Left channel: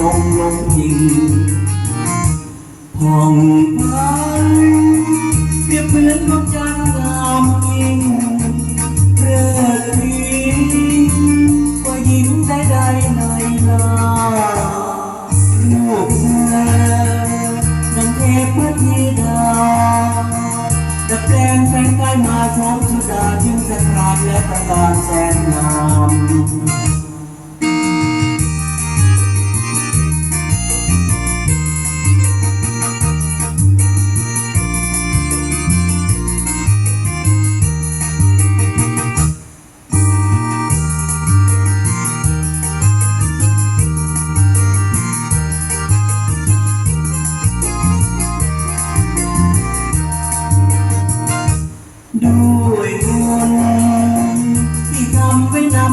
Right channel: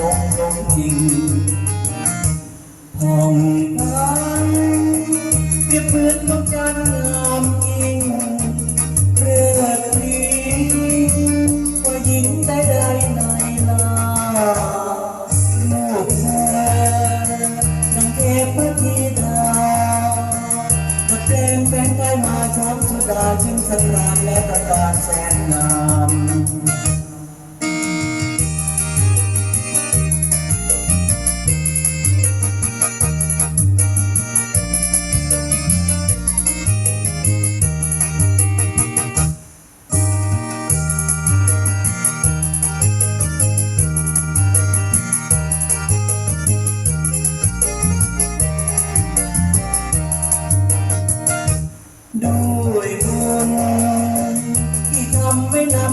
ทงลมพิงผ่องพันเปรียบเหมือนพระจันทร์งามยิ่งเรื่อรีกว่าหญิงใดใดในลาลูกเธอนังเทพธิดาจะแปลงแปลงกายมาชมชุดาทิ้งสกรานและประการแสนงา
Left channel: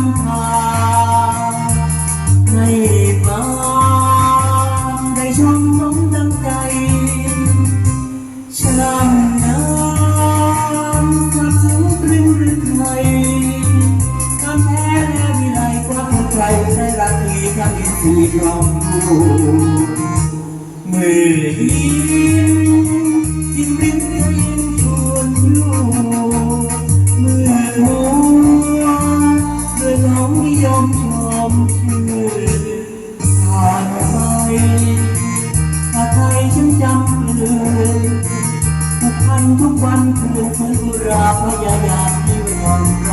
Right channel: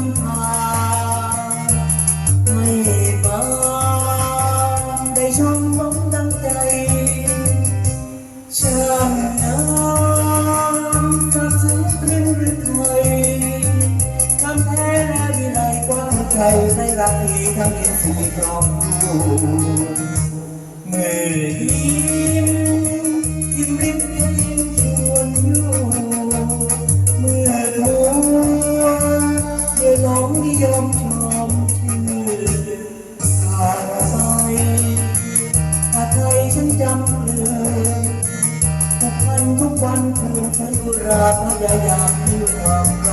ำไว้นำพาให้บานได้ช่องน้องดังใจช่างน้ำสับสนปลิวหรือไทยทำแท้และวิไลกว่าใครได้รักดีทำอินทรีย์กล่อมดู ผู